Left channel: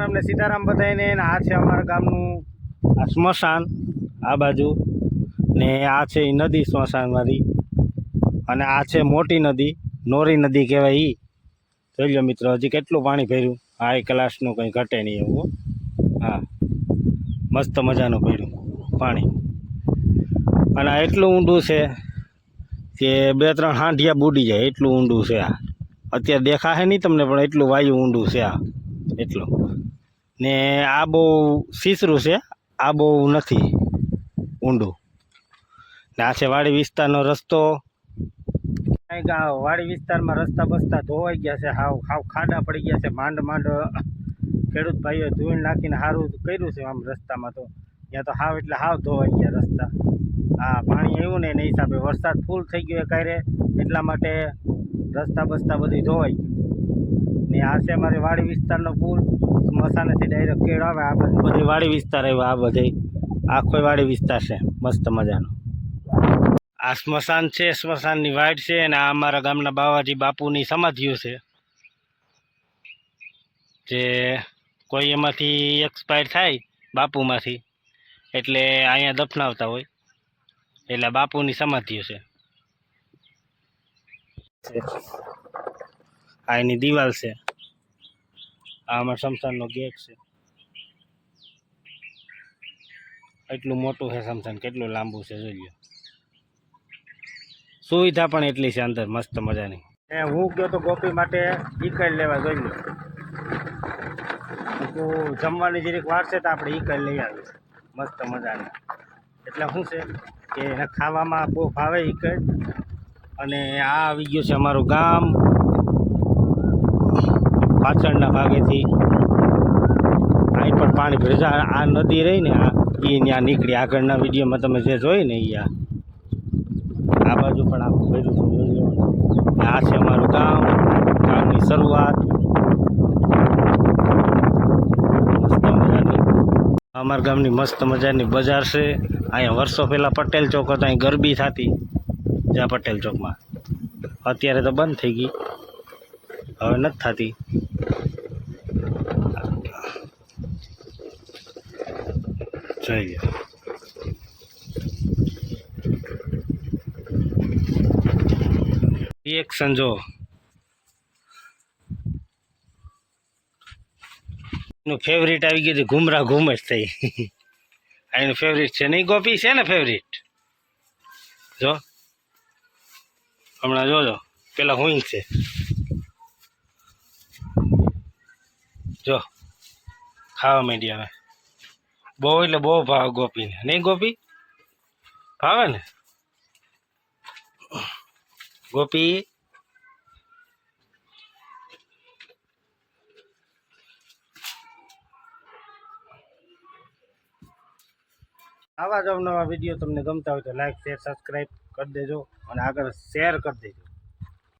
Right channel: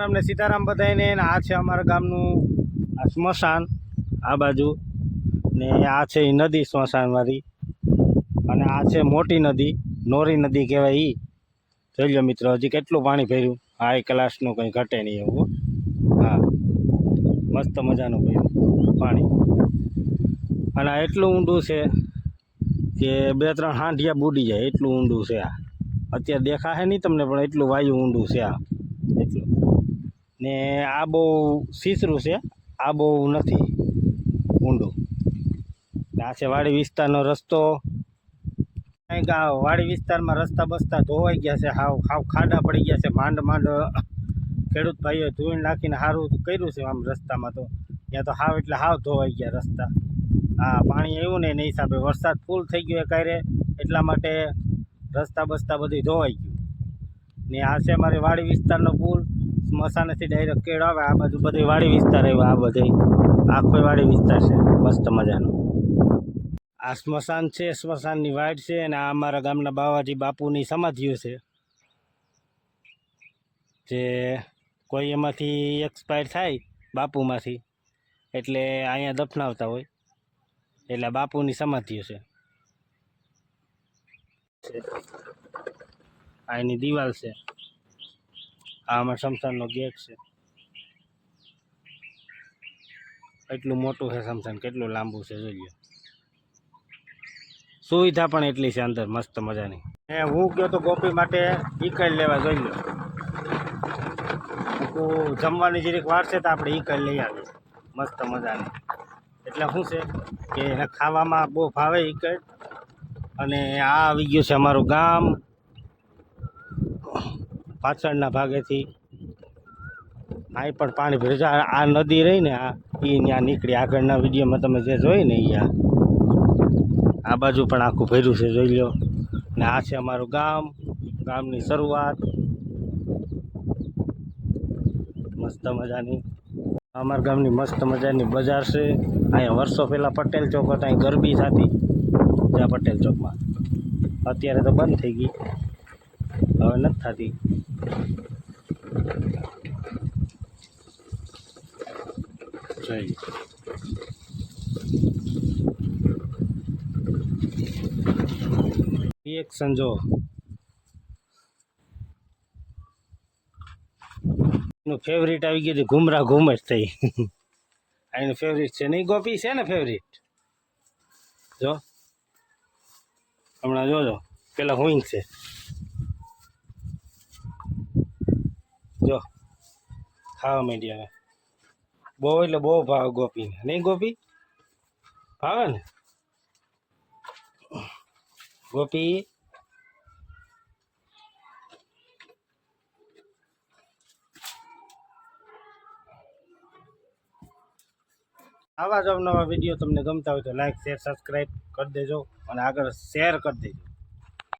અમને સીતારામ બધાને આ છે અમારા ગામનું આ સ્મશાન આ બાજુ ને આ છે એ નદી સ્મશાનવાળી અને આ છે મોટી નદી નોરી નદી કહેવાય એ. જોઈ લો મિત્રો હજી કેટલું પાણી ભર્યું. હાઈ ક્લાસનું કંઈ ઘટે નહીં એવું. હા મસ્ત મજાનું ભર્યું પાણી અને આ એટલું ઊંડું છે કે 2-3 હાંડિયા બુડી જાય એટલું ઊંડું છે આ. અત્યારે દેખાશે નહીં તમને પણ એટલું વાયુ ઊંડું છે આ એટલું. ને આ બહુ સીસરું છે, આ બહુ નથી ઊંડું. ને આ છે વાડી વિસ્તારનો રસ્તો. કંઈક આ વાડી વિસ્તારમાં રસ્તા બસ્તા ધોવાઈ ગયા છે, હાવ ખાડા પડી ગયા છે. માંડ ખેડૂત ભાઈઓ ધોઈને નાખીને સારું કર્યું છે આમ રસ્તામાં. તો ત્યાં તો હાવ એટલે હાવ ધોવાઈ ગયા રસ્તા. આ પાણી આવ્યું ને એના હિસાબે વરસાદ ફૂલ થઈ ગયો ક્યારે એટલા માટે રસ્તા બસ્તા બધી ધોવાઈ ગયું. ને આ છે મારી વાડી વિસ્તારનો પુલ. સ્મશાનેથી ડાયરેક્ટ કેળ આવે આ બાજુ બધી વાડી વિસ્તાર આવ્યો. આ બધે આખો વાડી વિસ્તાર છે મસ્ત મજાનો. આ સ્મશાન છે, સ્મશાનની વાડ છે અને આ અમારા ગામના બાવાજી બાપુની સમાધિઓ છે. જે કોઈ એમાંથી એક્સપાયર થાય બાપુમાંથી એટલે અહીંયા દફનાવતા હોય એટલે બાપુની સમાધિઓ છે. આ એની દિવાલ છે. આ અમારા સ્મશાનનો ગેટ છે. એટલું મોટું છે સ્મશાન, કેટલું લાંબુ છે જોઈ લો. સુવિધા પણ એટલી છે અંદર મસ્ત મજાની. હું ગયો તો ગોપી માટે ઈકડ લેવા જોઈ લો. જમવાની જરીક વાર છે તો આપણે ઈકડ લઈ આવીએ મસ્ત મજાની. એટલે શું છે કે એને ખાવામાં બહુ ભાવે ઈકડ. અને આ આવી ગયું છે અમારું ગામ પાછળના ભાગેથી. અહીં પણ પાણી ભરે. આ નદી રહી ને આ એ ત્યાં નીકળી. આગળના વિડીયોમાં તમે જે જોઈ ને એ આ બાજુ પણ આખું ભર્યું છે જોઈ લો. ને આ છે અમારું ગામ, ગામની શરૂઆત મસ્ત મજાની. અમારા ગામની મસ્ત મજાની બજાર છે. અહીંયા વર્ષો પહેલાં પટેલ ચોક હતો, અહીં ગરબી થતી જ્યાં પટેલ ચોકમાં. અત્યારે તો બંધ થઈ ગઈ, હવે નથી થતી. જોઈએ રિએક્શન જો. એનું ફેવરિટ આવી ગયું ઘુમરા ઘુમ જ થઈ. એનું ફેવરિટ છે નહીં ગોપી? છે ને ફેવરિટ? જો હમણાં જોજો પેલા હું છે જો ખાવા માંડી. હવે બહુ એટલે બહુ ભાવ ગોપીને. નહીં ગોપી? ભાવે ને ગોપી? આવા જ અવનવા વિડીયો તમને ગમતા હોય તો લાઈક શેર સબસ્ક્રાઈબ કરી દેજો અને આગળ શેર કરી દેજો.